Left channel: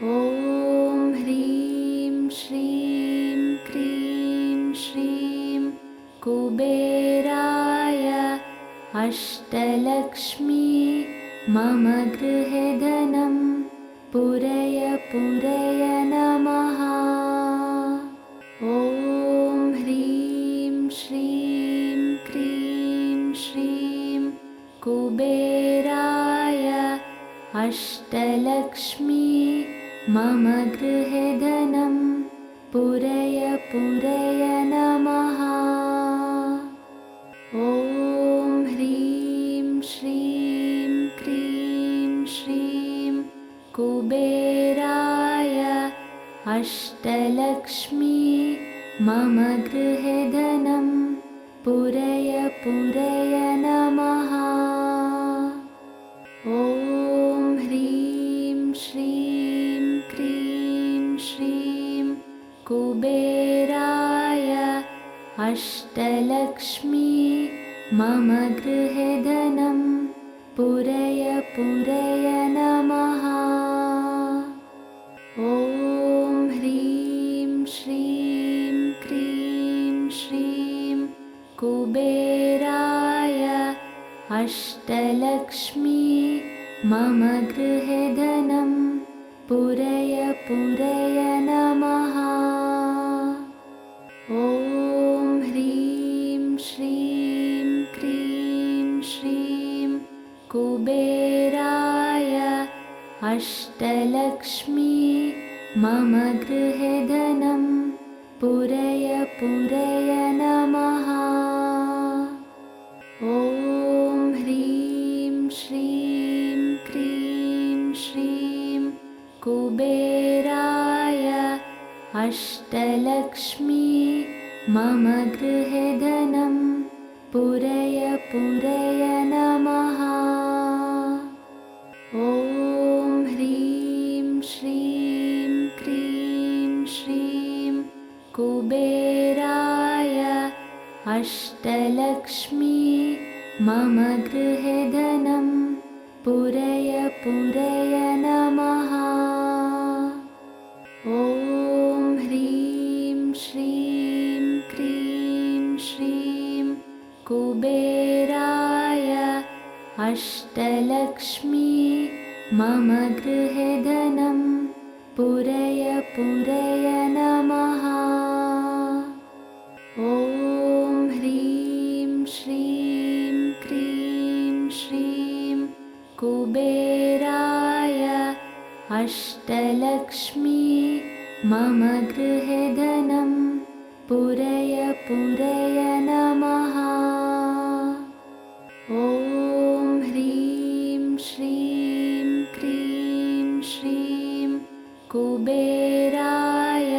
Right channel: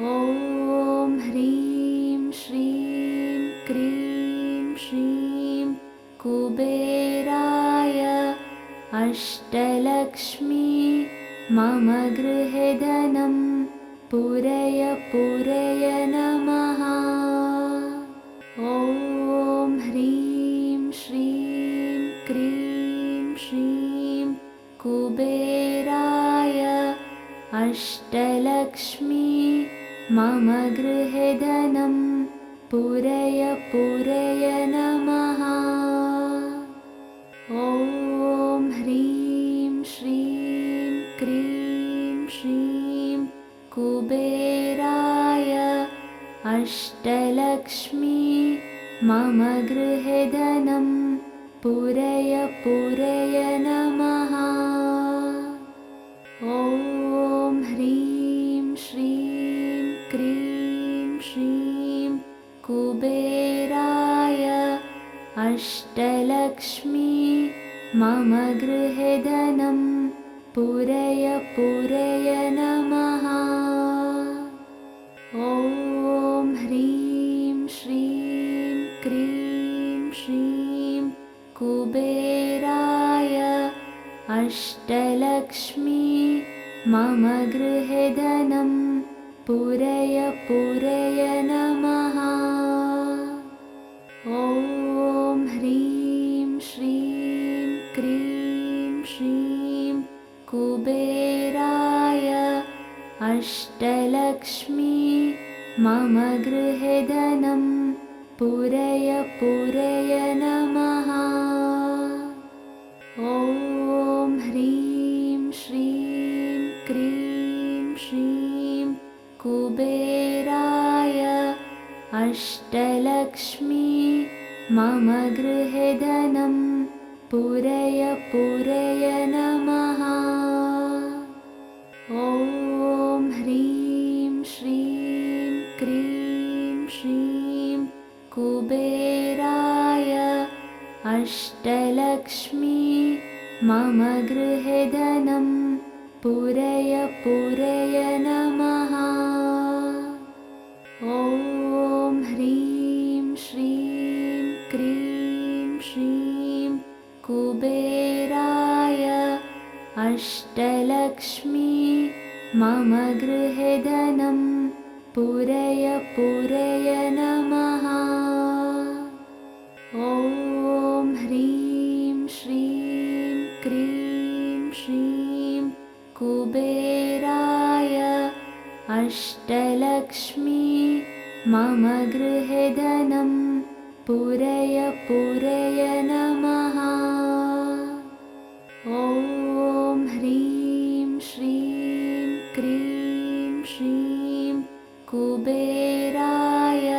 ॐ ह्रीं श्रीं क्रीं श्रीं कुबेराय अष्टलक्ष्मी मम गृहे धनं पूरय पूरय नमः। ॐ ह्रीं श्रीं क्रीं श्रीं कुबेराय अष्टलक्ष्मी मम गृहे धनं पूरय पूरय नमः। ॐ ह्रीं श्रीं क्रीं श्रीं कुबेराय अष्टलक्ष्मी मम गृहे धनं पूरय पूरय नमः। ॐ ह्रीं श्रीं क्रीं श्रीं कुबेराय अष्टलक्ष्मी मम गृहे धनं पूरय पूरय नमः। ॐ ह्रीं श्रीं क्रीं श्रीं कुबेराय अष्टलक्ष्मी मम गृहे धनं पूरय पूरय नमः। ॐ ह्रीं श्रीं क्रीं श्रीं कुबेराय अष्टलक्ष्मी मम गृहे धनं पूरय पूरय नमः। ॐ ह्रीं श्रीं क्रीं श्रीं कुबेराय अष्टलक्ष्मी मम गृहे धनं पूरय पूरय नमः। ॐ ह्रीं श्रीं क्रीं श्रीं कुबेराय अष्टलक्ष्मी मम गृहे धनं पूरय पूरय नमः। ॐ ह्रीं श्रीं क्रीं श्रीं कुबेराय अष्टलक्ष्मी मम गृहे धनं पूरय पूरय नमः। ॐ ह्रीं श्रीं क्रीं श्रीं कुबेराय अष्टलक्ष्मी मम गृहे धनं पूरय पूरय नमः। ॐ ह्रीं श्रीं क्रीं श्रीं कुबेराय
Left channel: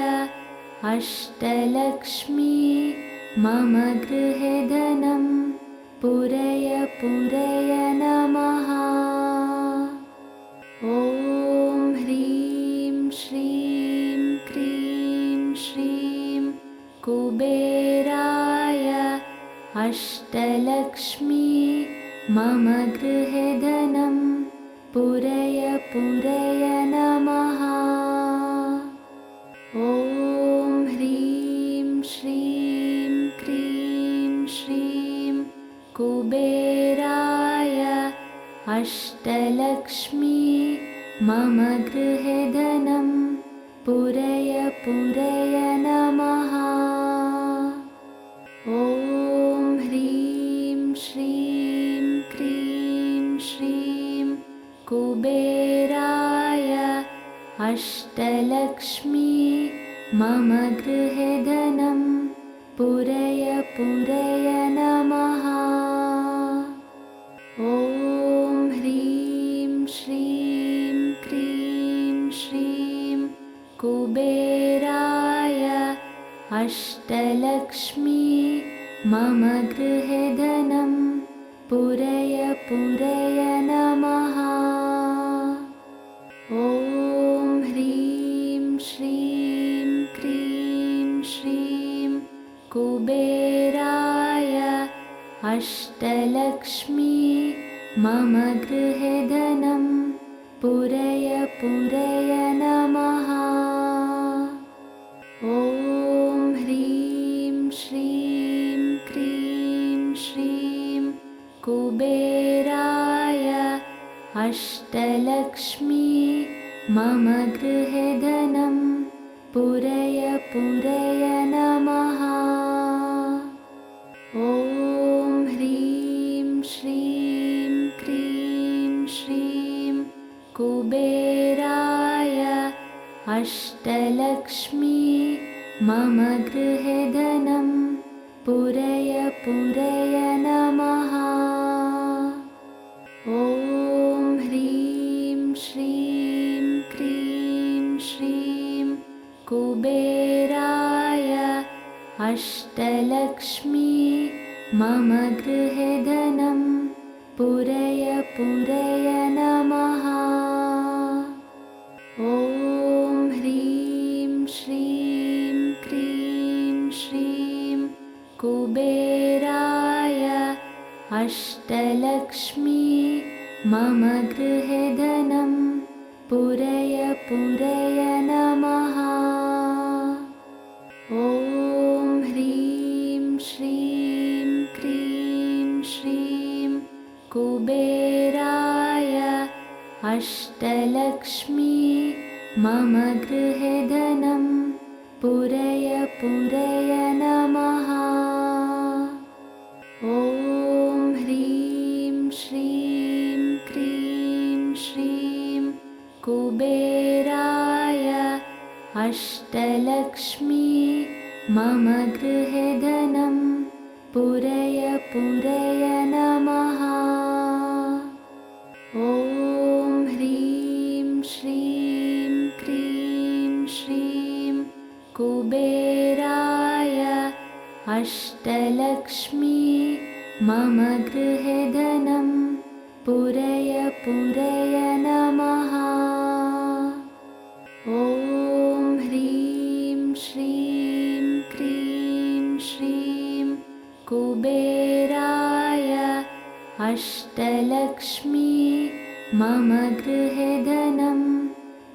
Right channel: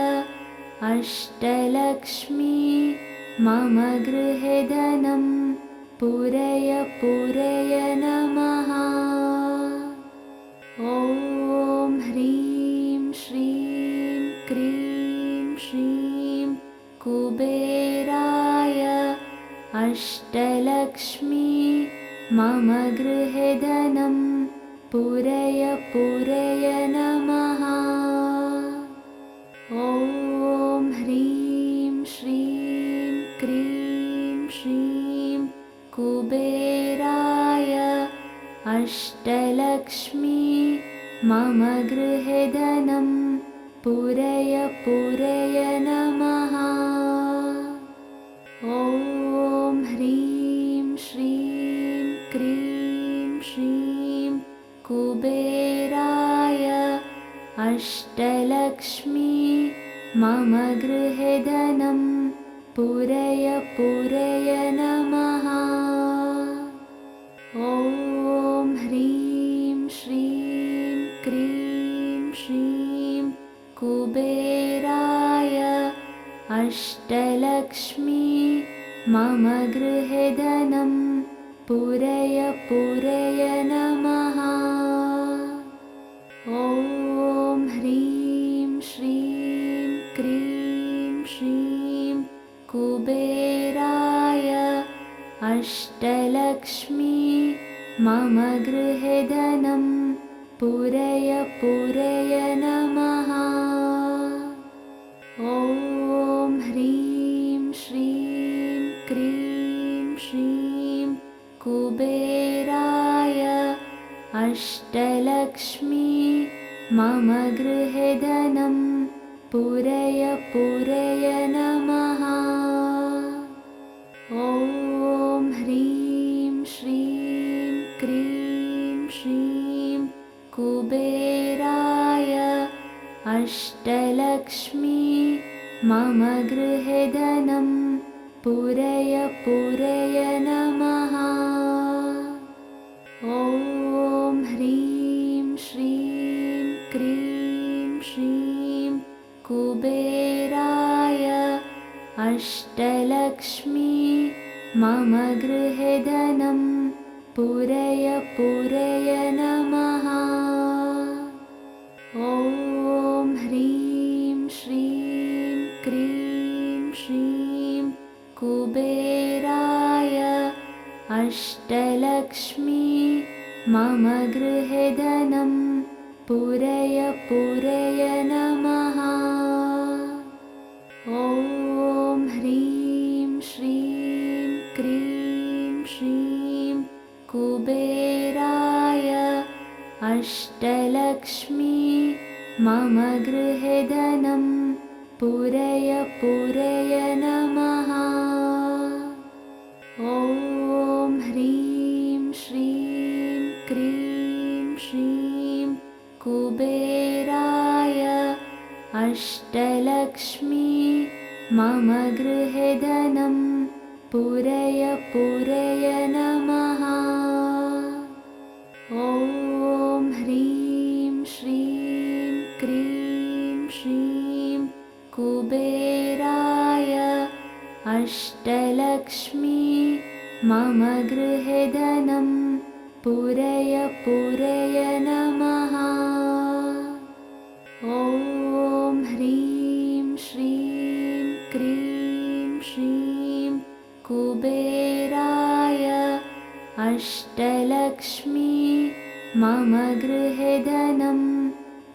अष्टलक्ष्मी मम गृहे धनं पूरय पूरय नमः। ॐ ह्रीं श्रीं क्रीं श्रीं कुबेराय अष्टलक्ष्मी मम गृहे धनं पूरय पूरय नमः। ॐ ह्रीं श्रीं क्रीं श्रीं कुबेराय अष्टलक्ष्मी मम गृहे धनं पूरय पूरय नमः। ॐ ह्रीं श्रीं क्रीं श्रीं कुबेराय अष्टलक्ष्मी मम गृहे धनं पूरय पूरय नमः। ॐ ह्रीं श्रीं क्रीं श्रीं कुबेराय अष्टलक्ष्मी मम गृहे धनं पूरय पूरय नमः। ॐ ह्रीं श्रीं क्रीं श्रीं कुबेराय अष्टलक्ष्मी मम गृहे धनं पूरय पूरय नमः। मम गृहे धनं पूरय पूरय नमः। ॐ ह्रीं श्रीं क्रीं श्रीं कुबेराय अष्टलक्ष्मी मम गृहे धनं पूरय पूरय नमः। ॐ ह्रीं श्रीं क्रीं श्रीं कुबेराय अष्टलक्ष्मी मम गृहे धनं पूरय पूरय नमः। ॐ ह्रीं श्रीं क्रीं श्रीं कुबेराय अष्टलक्ष्मी मम गृहे धनं पूरय पूरय नमः। ॐ ह्रीं श्रीं क्रीं श्रीं कुबेराय अष्टलक्ष्मी मम गृहे धनं पूरय पूरय नमः। ॐ ह्रीं श्रीं क्रीं श्रीं कुबेराय अष्टलक्ष्मी मम गृहे धनं पूरय पूरय नमः। ॐ ह्रीं श्रीं क्रीं श्रीं कुबेराय अष्टलक्ष्मी मम गृहे धनं पूरय पूरय नमः। ॐ ह्रीं श्रीं क्रीं श्रीं कुबेराय अष्टलक्ष्मी मम गृहे धनं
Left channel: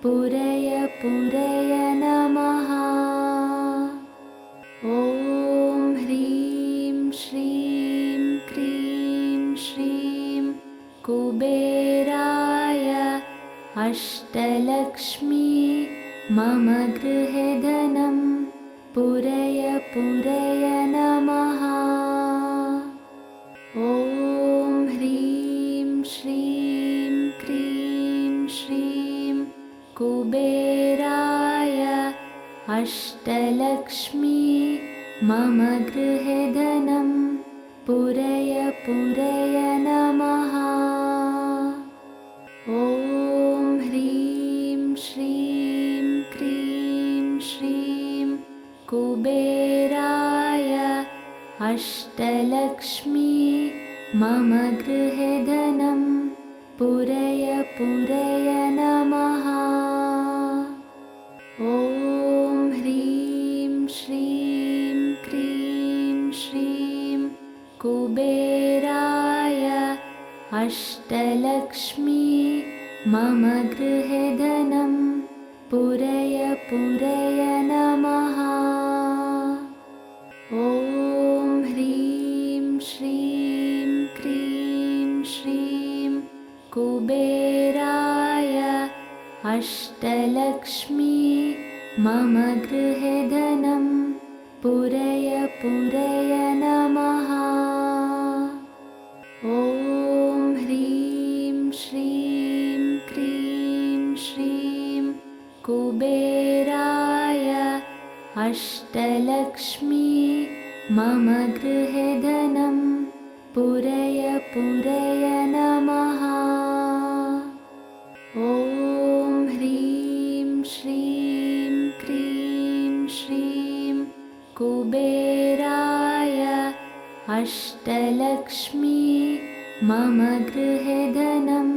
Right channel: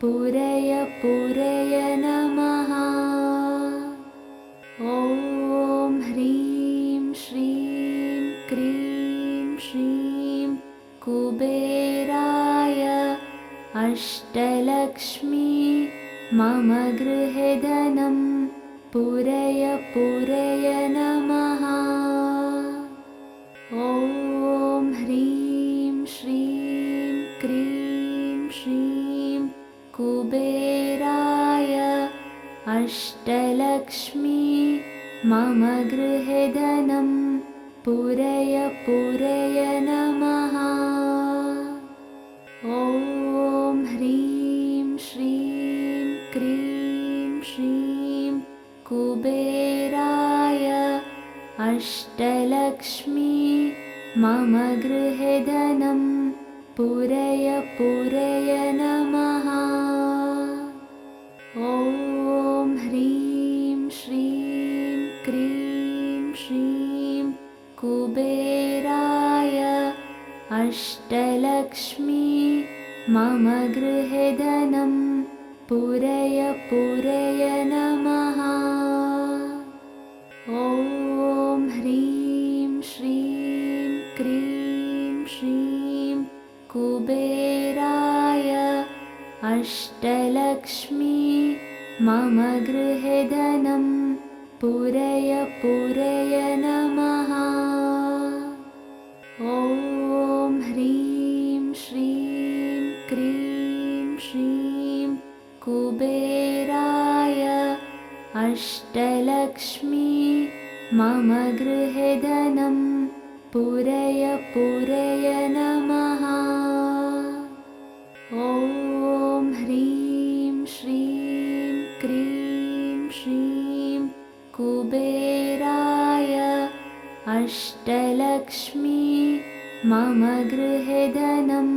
पूरय पूरय नमः। ॐ ह्रीं श्रीं क्रीं श्रीं कुबेराय अष्टलक्ष्मी मम गृहे धनं पूरय पूरय नमः। ॐ ह्रीं श्रीं क्रीं श्रीं कुबेराय अष्टलक्ष्मी मम गृहे धनं पूरय पूरय नमः। ॐ ह्रीं श्रीं क्रीं श्रीं कुबेराय अष्टलक्ष्मी मम गृहे धनं पूरय पूरय नमः। ॐ ह्रीं श्रीं क्रीं श्रीं कुबेराय अष्टलक्ष्मी मम गृहे धनं पूरय पूरय नमः। ॐ ह्रीं श्रीं क्रीं श्रीं कुबेराय अष्टलक्ष्मी मम गृहे धनं पूरय पूरय नमः। ॐ ह्रीं श्रीं क्रीं श्रीं कुबेराय अष्टलक्ष्मी मम गृहे धनं पूरय पूरय नमः। ॐ ह्रीं श्रीं क्रीं श्रीं कुबेराय अष्टलक्ष्मी मम गृहे धनं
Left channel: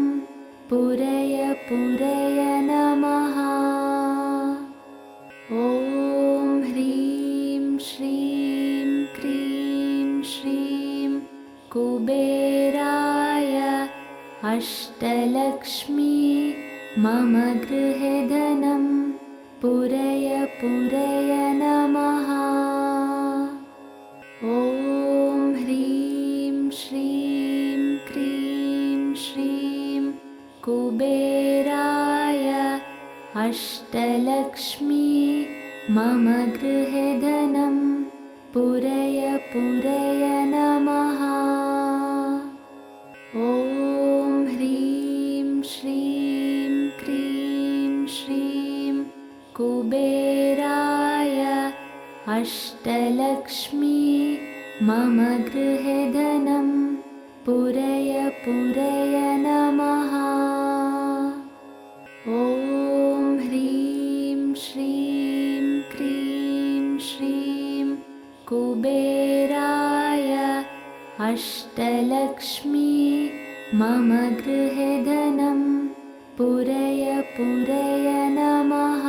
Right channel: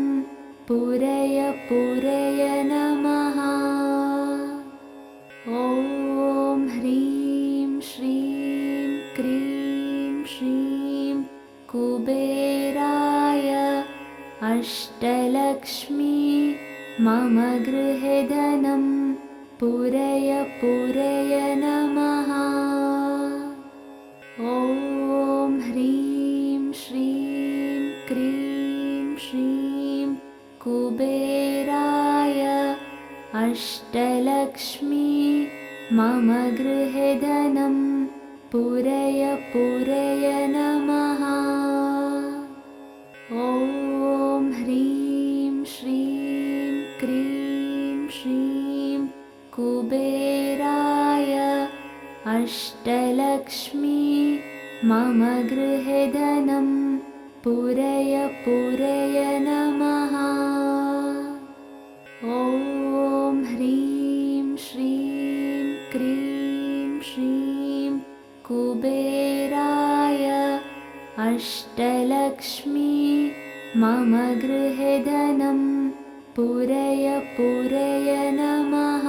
पूरय पूरय नमः। ॐ ह्रीं श्रीं क्रीं श्रीं कुबेराय अष्टलक्ष्मी मम गृहे धनं पूरय पूरय नमः। ॐ ह्रीं श्रीं क्रीं श्रीं कुबेराय अष्टलक्ष्मी मम गृहे धनं पूरय पूरय नमः। ॐ ह्रीं श्रीं क्रीं श्रीं कुबेराय अष्टलक्ष्मी मम गृहे धनं पूरय पूरय नमः। ॐ ह्रीं श्रीं क्रीं श्रीं कुबेराय अष्टलक्ष्मी मम गृहे धनं पूरय पूरय नमः।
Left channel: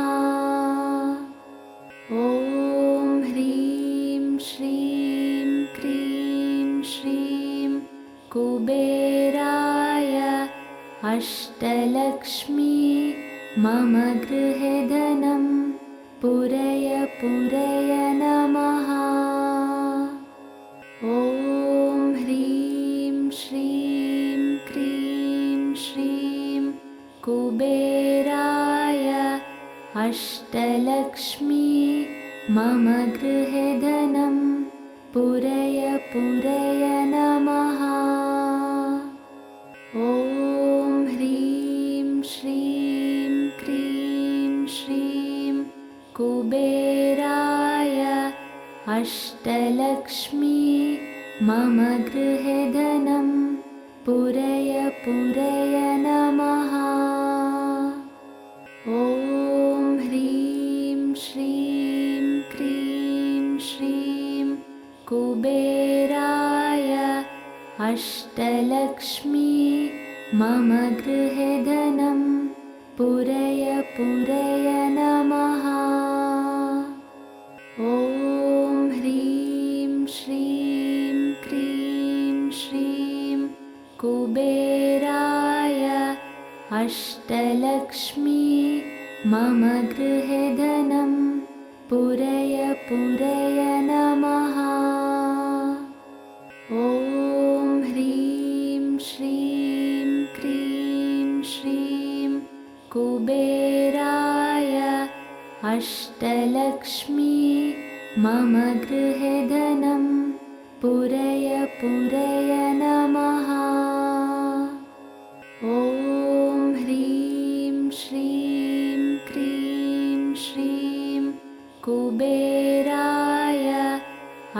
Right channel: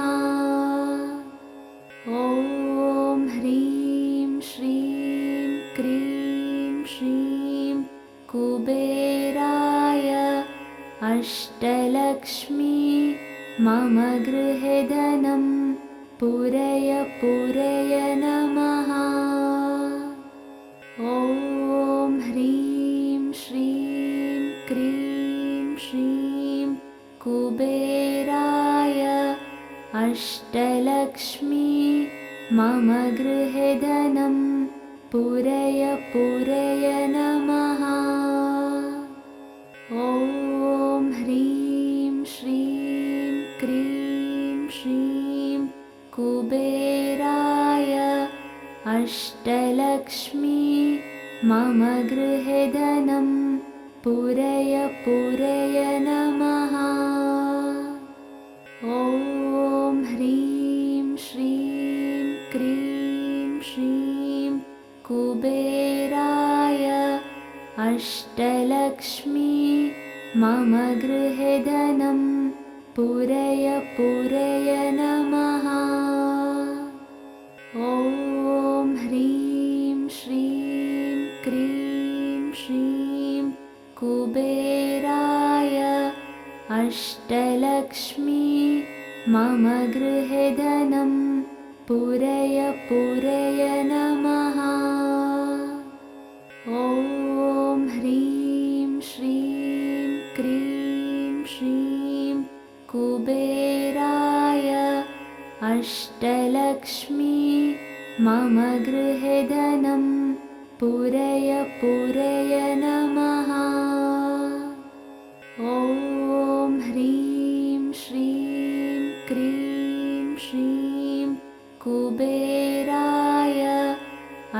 ॐ ह्रीं श्रीं क्रीं श्रीं कुबेराय अष्टलक्ष्मी मम गृहे धनं पूरय पूरय नमः। ॐ ह्रीं श्रीं क्रीं श्रीं कुबेराय अष्टलक्ष्मी मम गृहे धनं पूरय पूरय नमः। ॐ ह्रीं श्रीं क्रीं श्रीं कुबेराय अष्टलक्ष्मी मम गृहे धनं पूरय पूरय नमः। ॐ ह्रीं श्रीं क्रीं श्रीं कुबेराय अष्टलक्ष्मी मम गृहे धनं पूरय पूरय नमः। ॐ ह्रीं श्रीं क्रीं श्रीं कुबेराय अष्टलक्ष्मी मम गृहे धनं पूरय पूरय नमः। ॐ ह्रीं श्रीं क्रीं श्रीं कुबेराय अष्टलक्ष्मी मम गृहे धनं पूरय पूरय नमः। ॐ ह्रीं श्रीं क्रीं श्रीं कुबेराय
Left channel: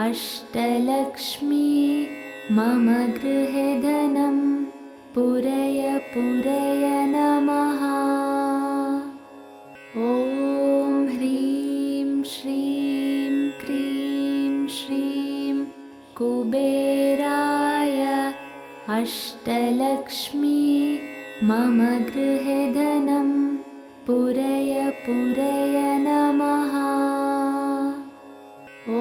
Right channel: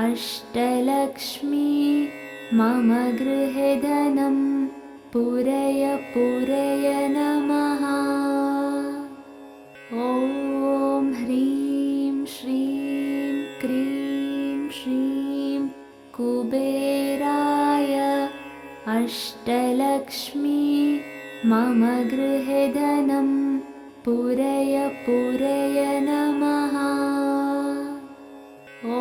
अष्टलक्ष्मी मम गृहे धनं पूरय पूरय नमः। ॐ ह्रीं श्रीं क्रीं श्रीं कुबेराय अष्टलक्ष्मी मम गृहे धनं पूरय पूरय नमः। ॐ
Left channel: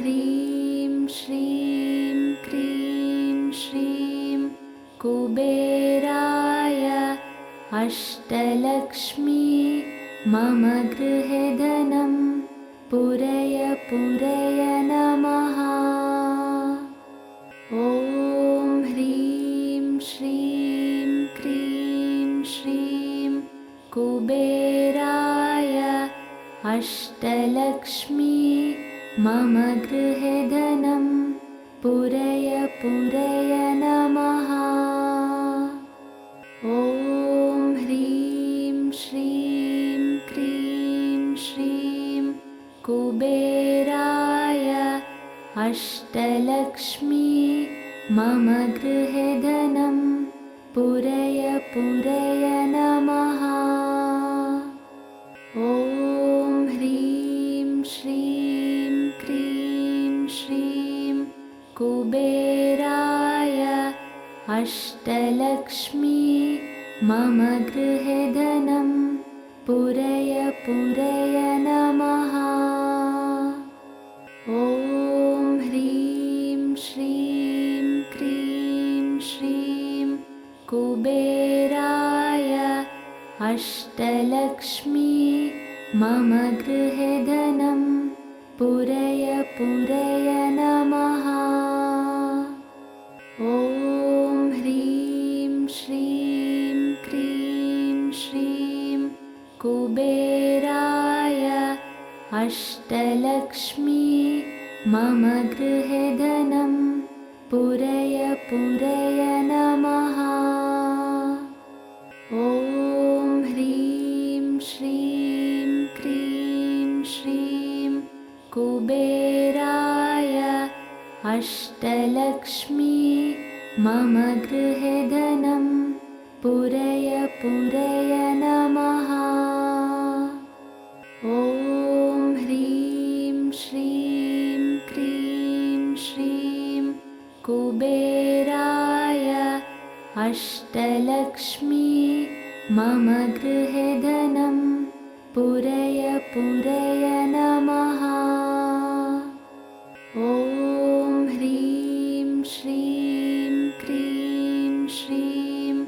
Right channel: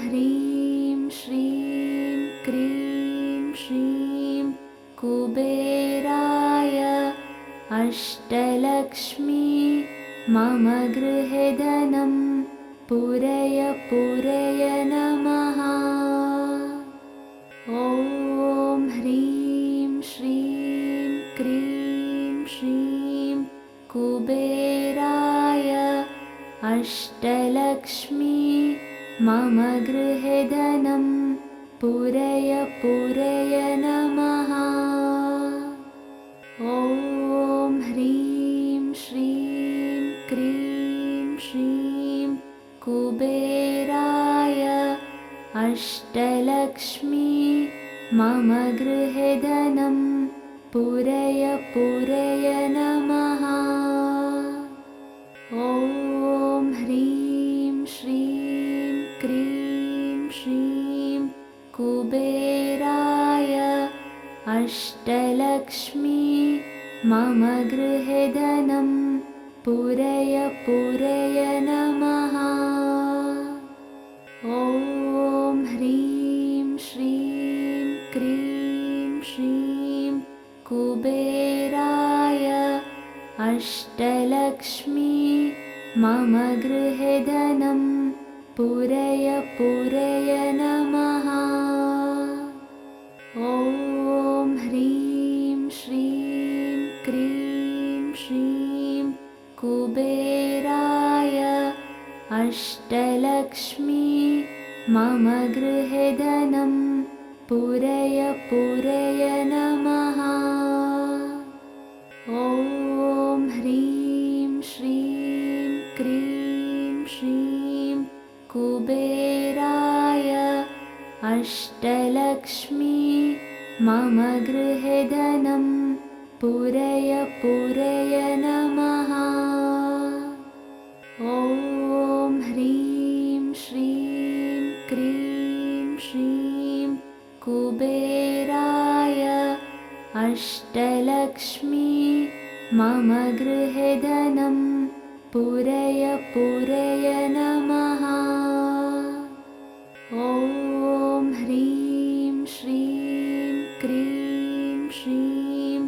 ह्रीं श्रीं क्रीं श्रीं कुबेराय अष्टलक्ष्मी मम गृहे धनं पूरय पूरय नमः। ॐ ह्रीं श्रीं क्रीं श्रीं कुबेराय अष्टलक्ष्मी मम गृहे धनं पूरय पूरय नमः। ॐ ह्रीं श्रीं क्रीं श्रीं कुबेराय अष्टलक्ष्मी मम गृहे धनं पूरय पूरय नमः। ॐ ह्रीं श्रीं क्रीं श्रीं कुबेराय अष्टलक्ष्मी मम गृहे धनं पूरय पूरय नमः। ॐ ह्रीं श्रीं क्रीं श्रीं कुबेराय अष्टलक्ष्मी मम गृहे धनं पूरय पूरय नमः। ॐ ह्रीं श्रीं क्रीं श्रीं कुबेराय अष्टलक्ष्मी मम गृहे धनं पूरय पूरय नमः। ॐ ह्रीं श्रीं क्रीं श्रीं कुबेराय अष्टलक्ष्मी मम गृहे धनं पूरय पूरय नमः। ॐ ह्रीं श्रीं क्रीं श्रीं कुबेराय अष्टलक्ष्मी मम गृहे धनं पूरय पूरय नमः। ॐ ह्रीं श्रीं क्रीं श्रीं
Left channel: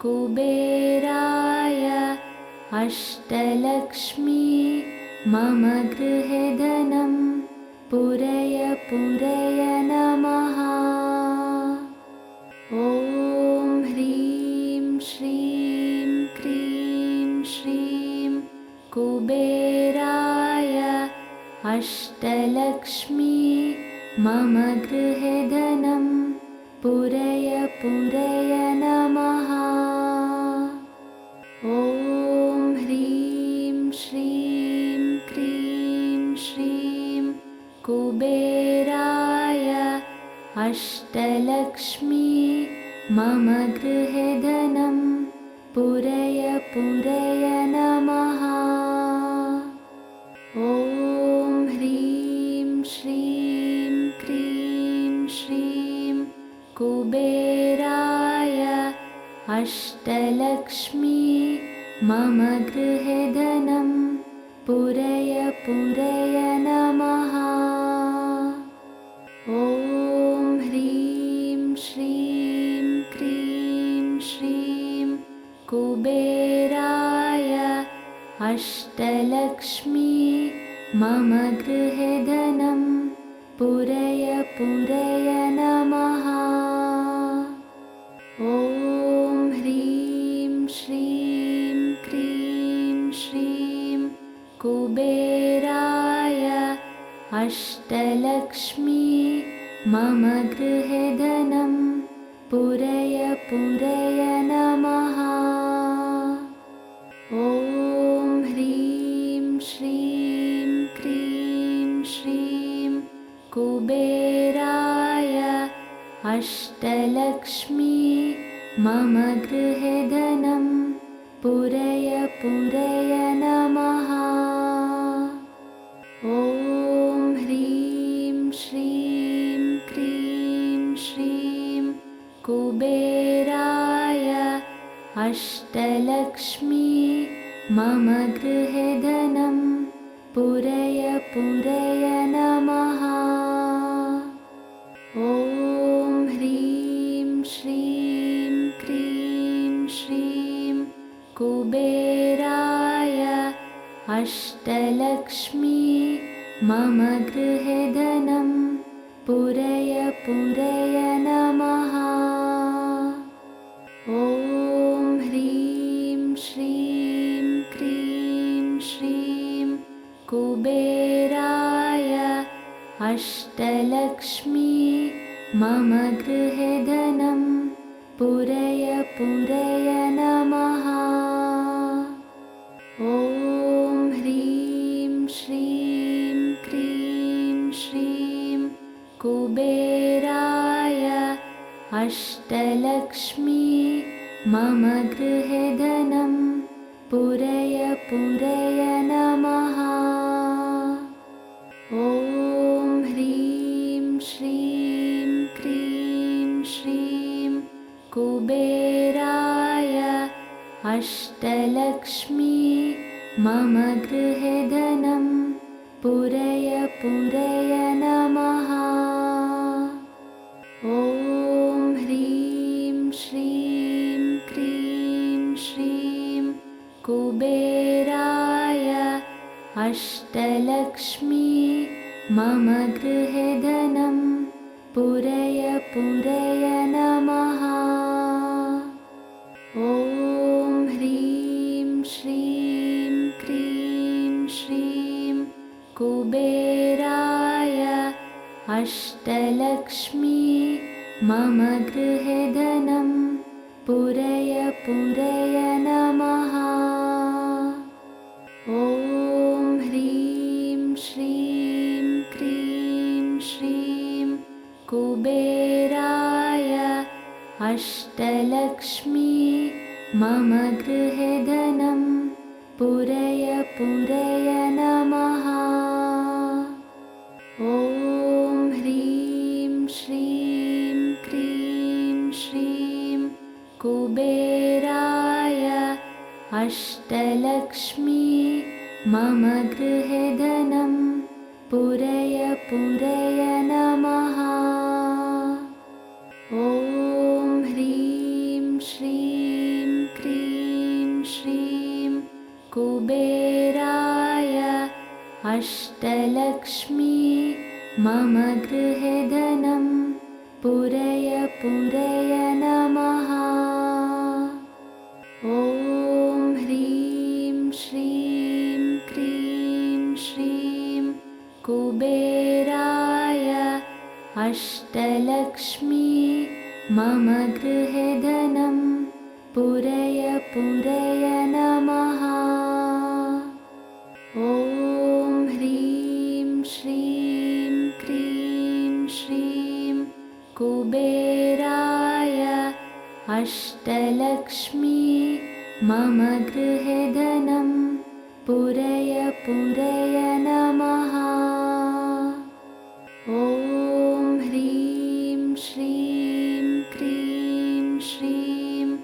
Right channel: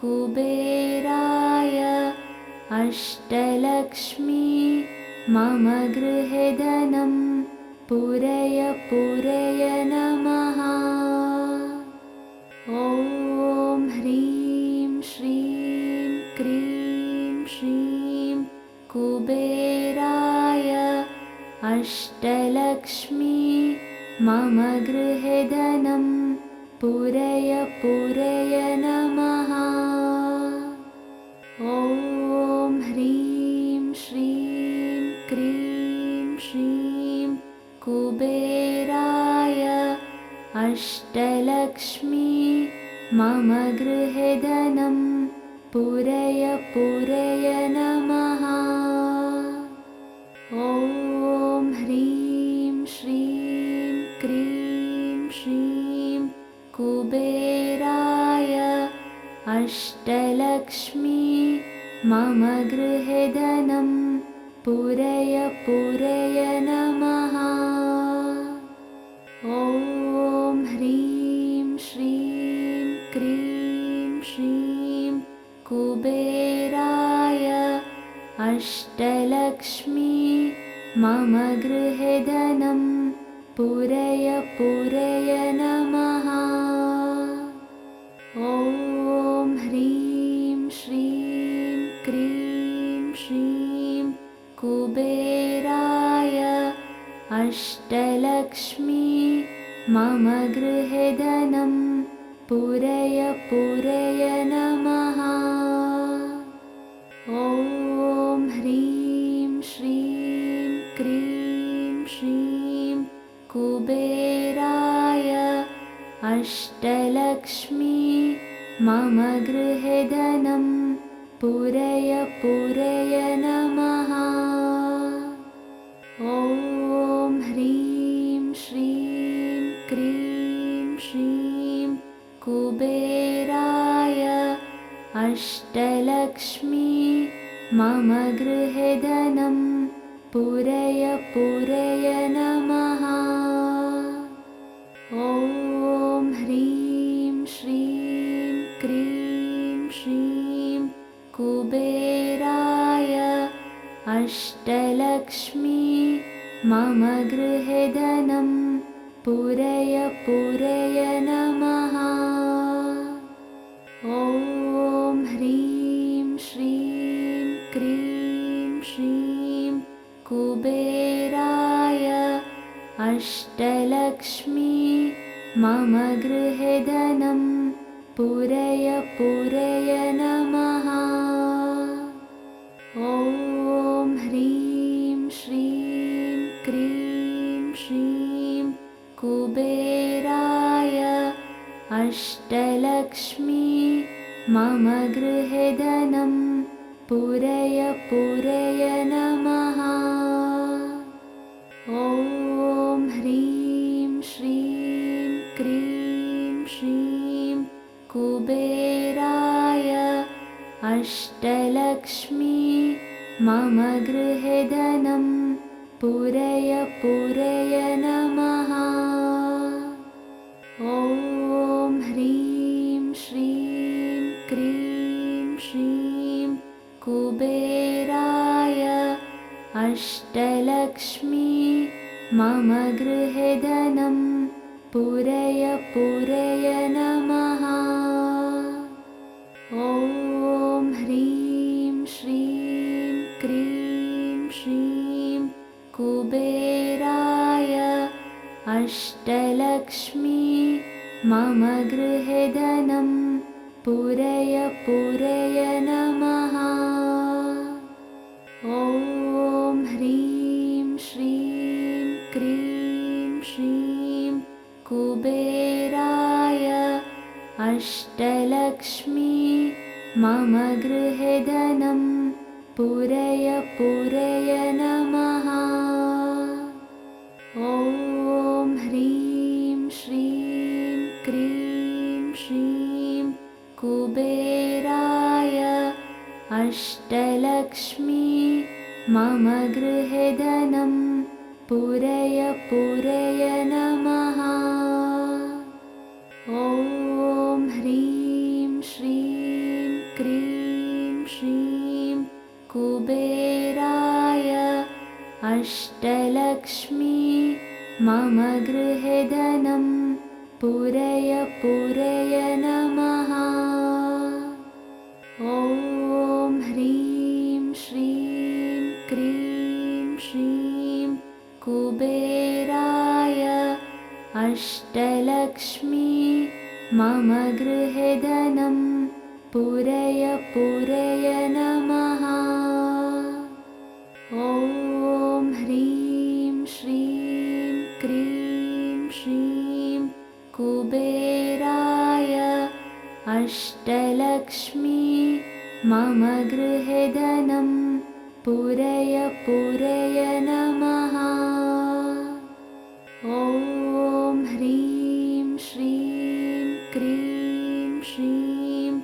कुबेराय अष्टलक्ष्मी मम गृहे धनं पूरय पूरय नमः। ॐ ह्रीं श्रीं क्रीं श्रीं कुबेराय अष्टलक्ष्मी मम गृहे धनं पूरय पूरय नमः। ॐ ह्रीं श्रीं क्रीं श्रीं कुबेराय अष्टलक्ष्मी मम गृहे धनं पूरय पूरय नमः। ॐ ह्रीं श्रीं क्रीं श्रीं कुबेराय अष्टलक्ष्मी मम गृहे धनं पूरय पूरय नमः। ॐ ह्रीं श्रीं क्रीं श्रीं कुबेराय अष्टलक्ष्मी मम गृहे धनं पूरय पूरय नमः। ॐ ह्रीं श्रीं क्रीं श्रीं कुबेराय अष्टलक्ष्मी मम गृहे धनं पूरय पूरय नमः। ॐ ह्रीं श्रीं क्रीं श्रीं कुबेराय अष्टलक्ष्मी मम गृहे धनं पूरय पूरय नमः। ॐ ह्रीं श्रीं क्रीं श्रीं कुबेराय अष्टलक्ष्मी मम गृहे धनं पूरय पूरय नमः। ॐ ह्रीं श्रीं क्रीं श्रीं कुबेराय अष्टलक्ष्मी मम गृहे धनं पूरय पूरय नमः। ॐ ह्रीं श्रीं क्रीं श्रीं कुबेराय अष्टलक्ष्मी मम गृहे धनं पूरय पूरय नमः। ॐ ह्रीं श्रीं क्रीं श्रीं कुबेराय अष्टलक्ष्मी मम गृहे धनं पूरय पूरय नमः। ॐ ह्रीं श्रीं क्रीं श्रीं कुबेराय अष्टलक्ष्मी मम गृहे धनं पूरय पूरय नमः। ॐ ह्रीं श्रीं क्रीं श्रीं कुबेराय अष्टलक्ष्मी मम गृहे धनं पूरय पूरय नमः। ॐ ह्रीं श्रीं कुबेराय अष्टलक्ष्मी मम गृहे धनं पूरय पूरय नमः। ॐ ह्रीं श्रीं क्रीं श्रीं कुबेराय अष्टलक्ष्मी मम गृहे धनं पूरय पूरय नमः। ॐ ह्रीं श्रीं क्रीं श्रीं कुबेराय अष्टलक्ष्मी मम गृहे धनं पूरय पूरय नमः। ॐ ह्रीं श्रीं क्रीं श्रीं कुबेराय अष्टलक्ष्मी मम गृहे धनं पूरय पूरय नमः। ॐ ह्रीं श्रीं क्रीं श्रीं कुबेराय अष्टलक्ष्मी मम गृहे धनं पूरय पूरय नमः। ॐ ह्रीं श्रीं क्रीं श्रीं कुबेराय अष्टलक्ष्मी मम गृहे धनं पूरय पूरय नमः। ॐ ह्रीं श्रीं क्रीं श्रीं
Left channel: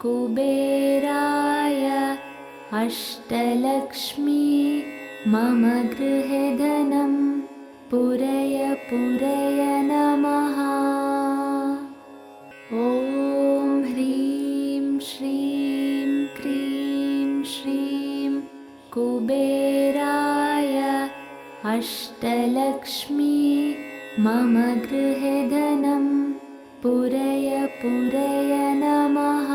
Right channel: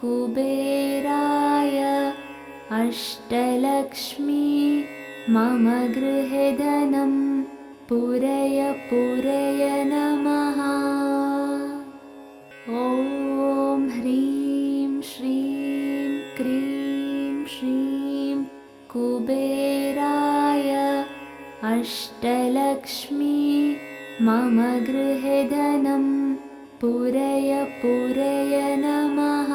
कुबेराय अष्टलक्ष्मी मम गृहे धनं पूरय पूरय नमः। ॐ ह्रीं श्रीं क्रीं श्रीं कुबेराय अष्टलक्ष्मी मम गृहे धनं पूरय पूरय नमः।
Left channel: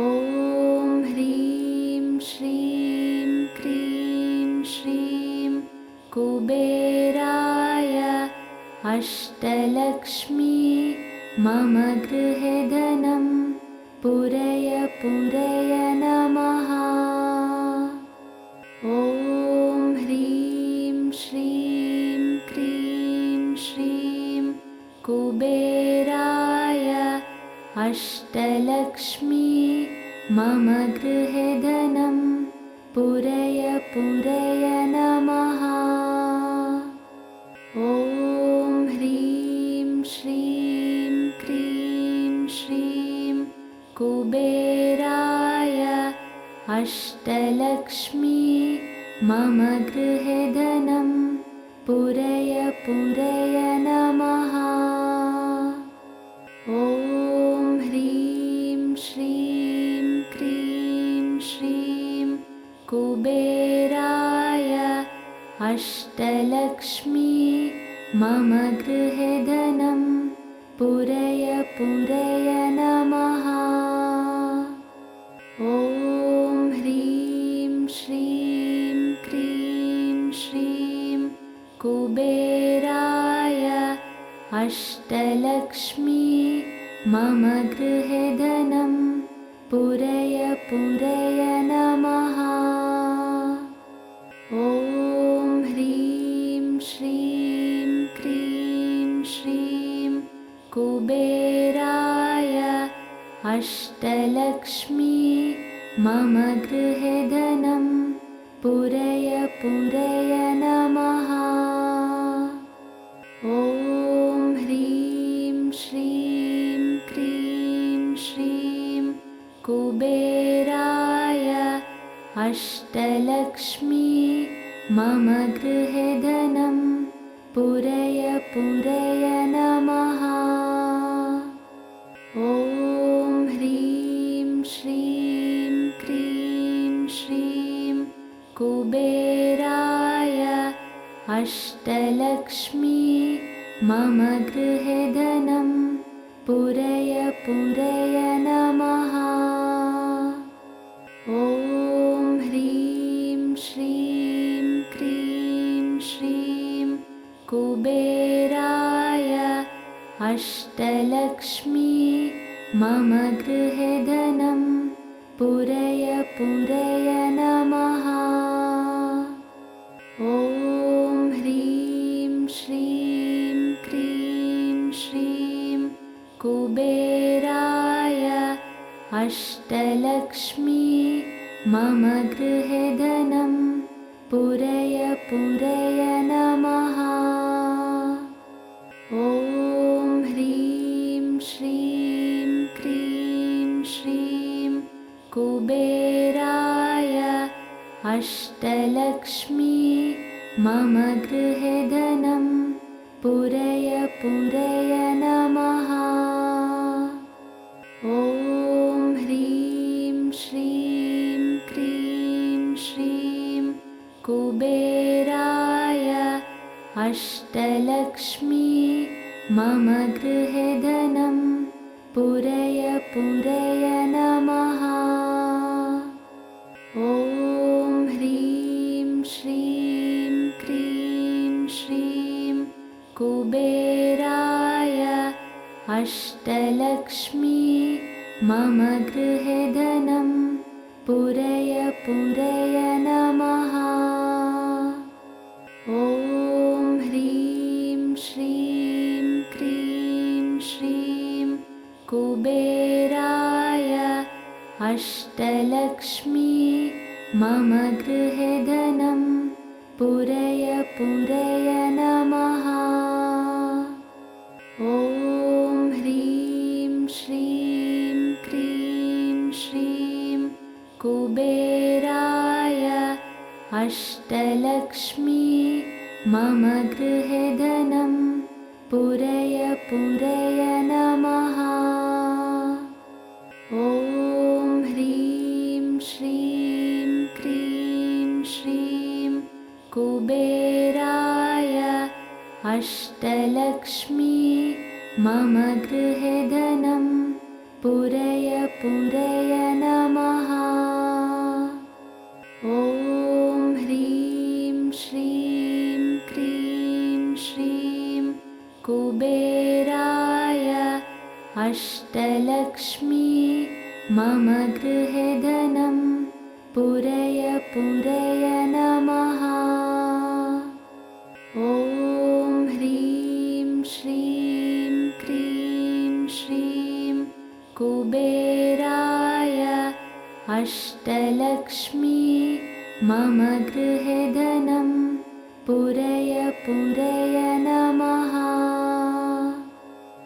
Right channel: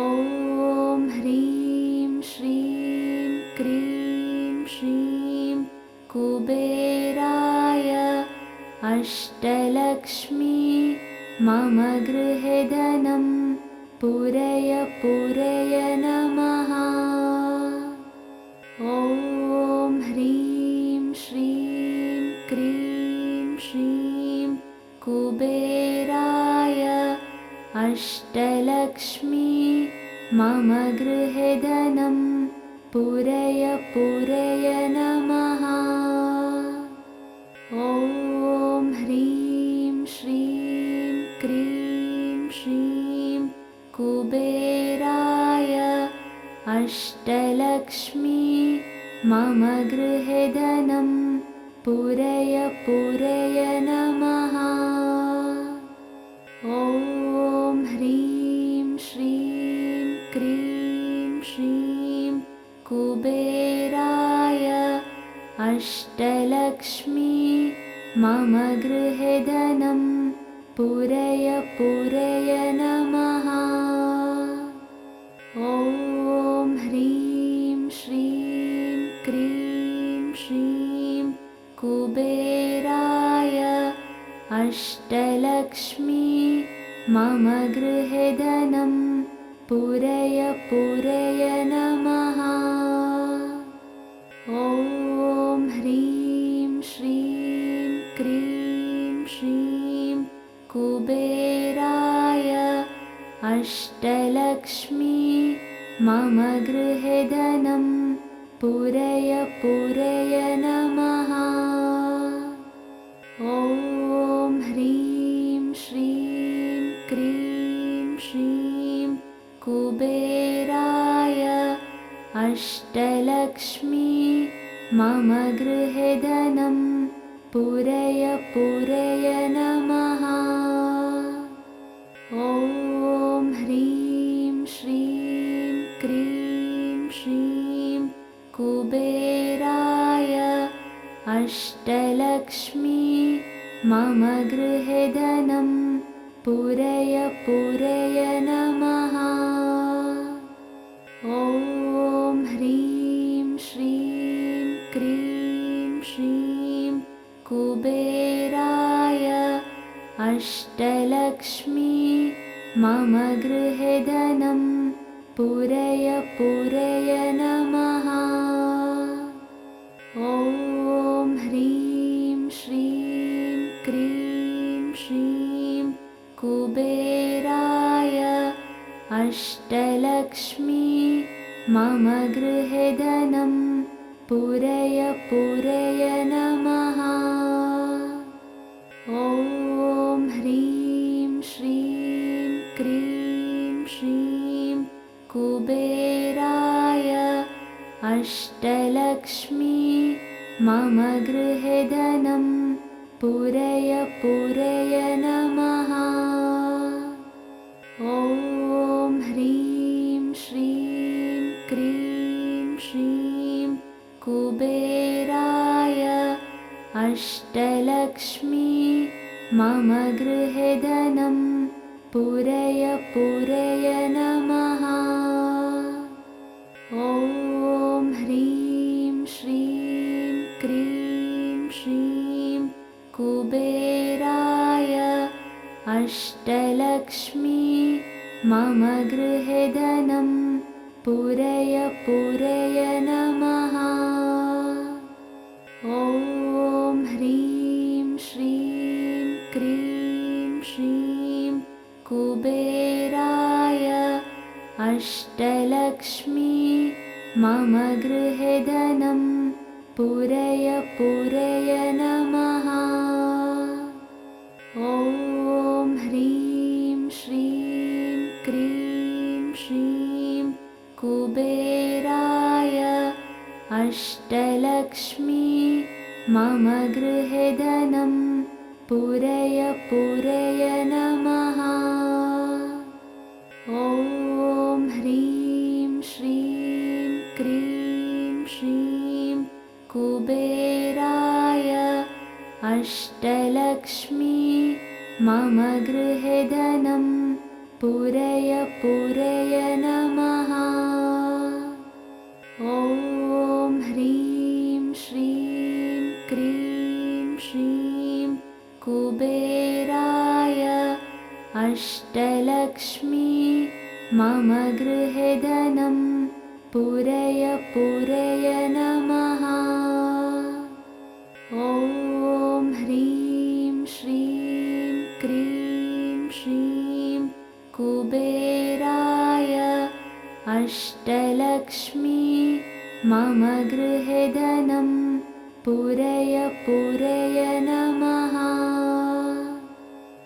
ॐ ह्रीं श्रीं क्रीं श्रीं कुबेराय अष्टलक्ष्मी मम गृहे धनं पूरय पूरय नमः। ॐ ह्रीं श्रीं क्रीं श्रीं कुबेराय अष्टलक्ष्मी मम गृहे धनं पूरय पूरय नमः। ॐ ह्रीं श्रीं क्रीं श्रीं कुबेराय अष्टलक्ष्मी मम गृहे धनं पूरय पूरय नमः। ॐ ह्रीं श्रीं क्रीं श्रीं कुबेराय अष्टलक्ष्मी मम गृहे धनं पूरय पूरय नमः। ॐ ह्रीं श्रीं क्रीं श्रीं कुबेराय अष्टलक्ष्मी मम गृहे धनं पूरय पूरय नमः। ॐ ह्रीं श्रीं क्रीं श्रीं कुबेराय अष्टलक्ष्मी मम गृहे धनं पूरय पूरय नमः। ॐ ह्रीं श्रीं क्रीं श्रीं कुबेराय अष्टलक्ष्मी मम गृहे धनं पूरय पूरय नमः। ॐ ह्रीं श्रीं क्रीं श्रीं कुबेराय अष्टलक्ष्मी मम गृहे धनं पूरय पूरय नमः। ॐ ह्रीं श्रीं क्रीं श्रीं कुबेराय अष्टलक्ष्मी मम गृहे धनं पूरय पूरय नमः। ॐ ह्रीं श्रीं क्रीं श्रीं कुबेराय अष्टलक्ष्मी मम गृहे धनं पूरय पूरय नमः। ॐ ह्रीं श्रीं क्रीं श्रीं कुबेराय अष्टलक्ष्मी मम गृहे धनं पूरय पूरय नमः। ॐ ह्रीं श्रीं क्रीं श्रीं कुबेराय अष्टलक्ष्मी मम गृहे धनं पूरय पूरय नमः। ॐ ह्रीं श्रीं क्रीं श्रीं कुबेराय अष्टलक्ष्मी मम गृहे धनं पूरय पूरय नमः। ॐ ह्रीं श्रीं क्रीं श्रीं कुबेराय अष्टलक्ष्मी मम गृहे धनं पूरय पूरय नमः। ॐ ह्रीं श्रीं क्रीं श्रीं कुबेराय अष्टलक्ष्मी मम गृहे धनं पूरय पूरय नमः। ॐ ह्रीं श्रीं क्रीं श्रीं कुबेराय अष्टलक्ष्मी मम गृहे धनं पूरय पूरय नमः। ॐ ह्रीं श्रीं क्रीं श्रीं कुबेराय अष्टलक्ष्मी मम गृहे धनं पूरय पूरय नमः। ॐ ह्रीं श्रीं क्रीं श्रीं कुबेराय अष्टलक्ष्मी मम गृहे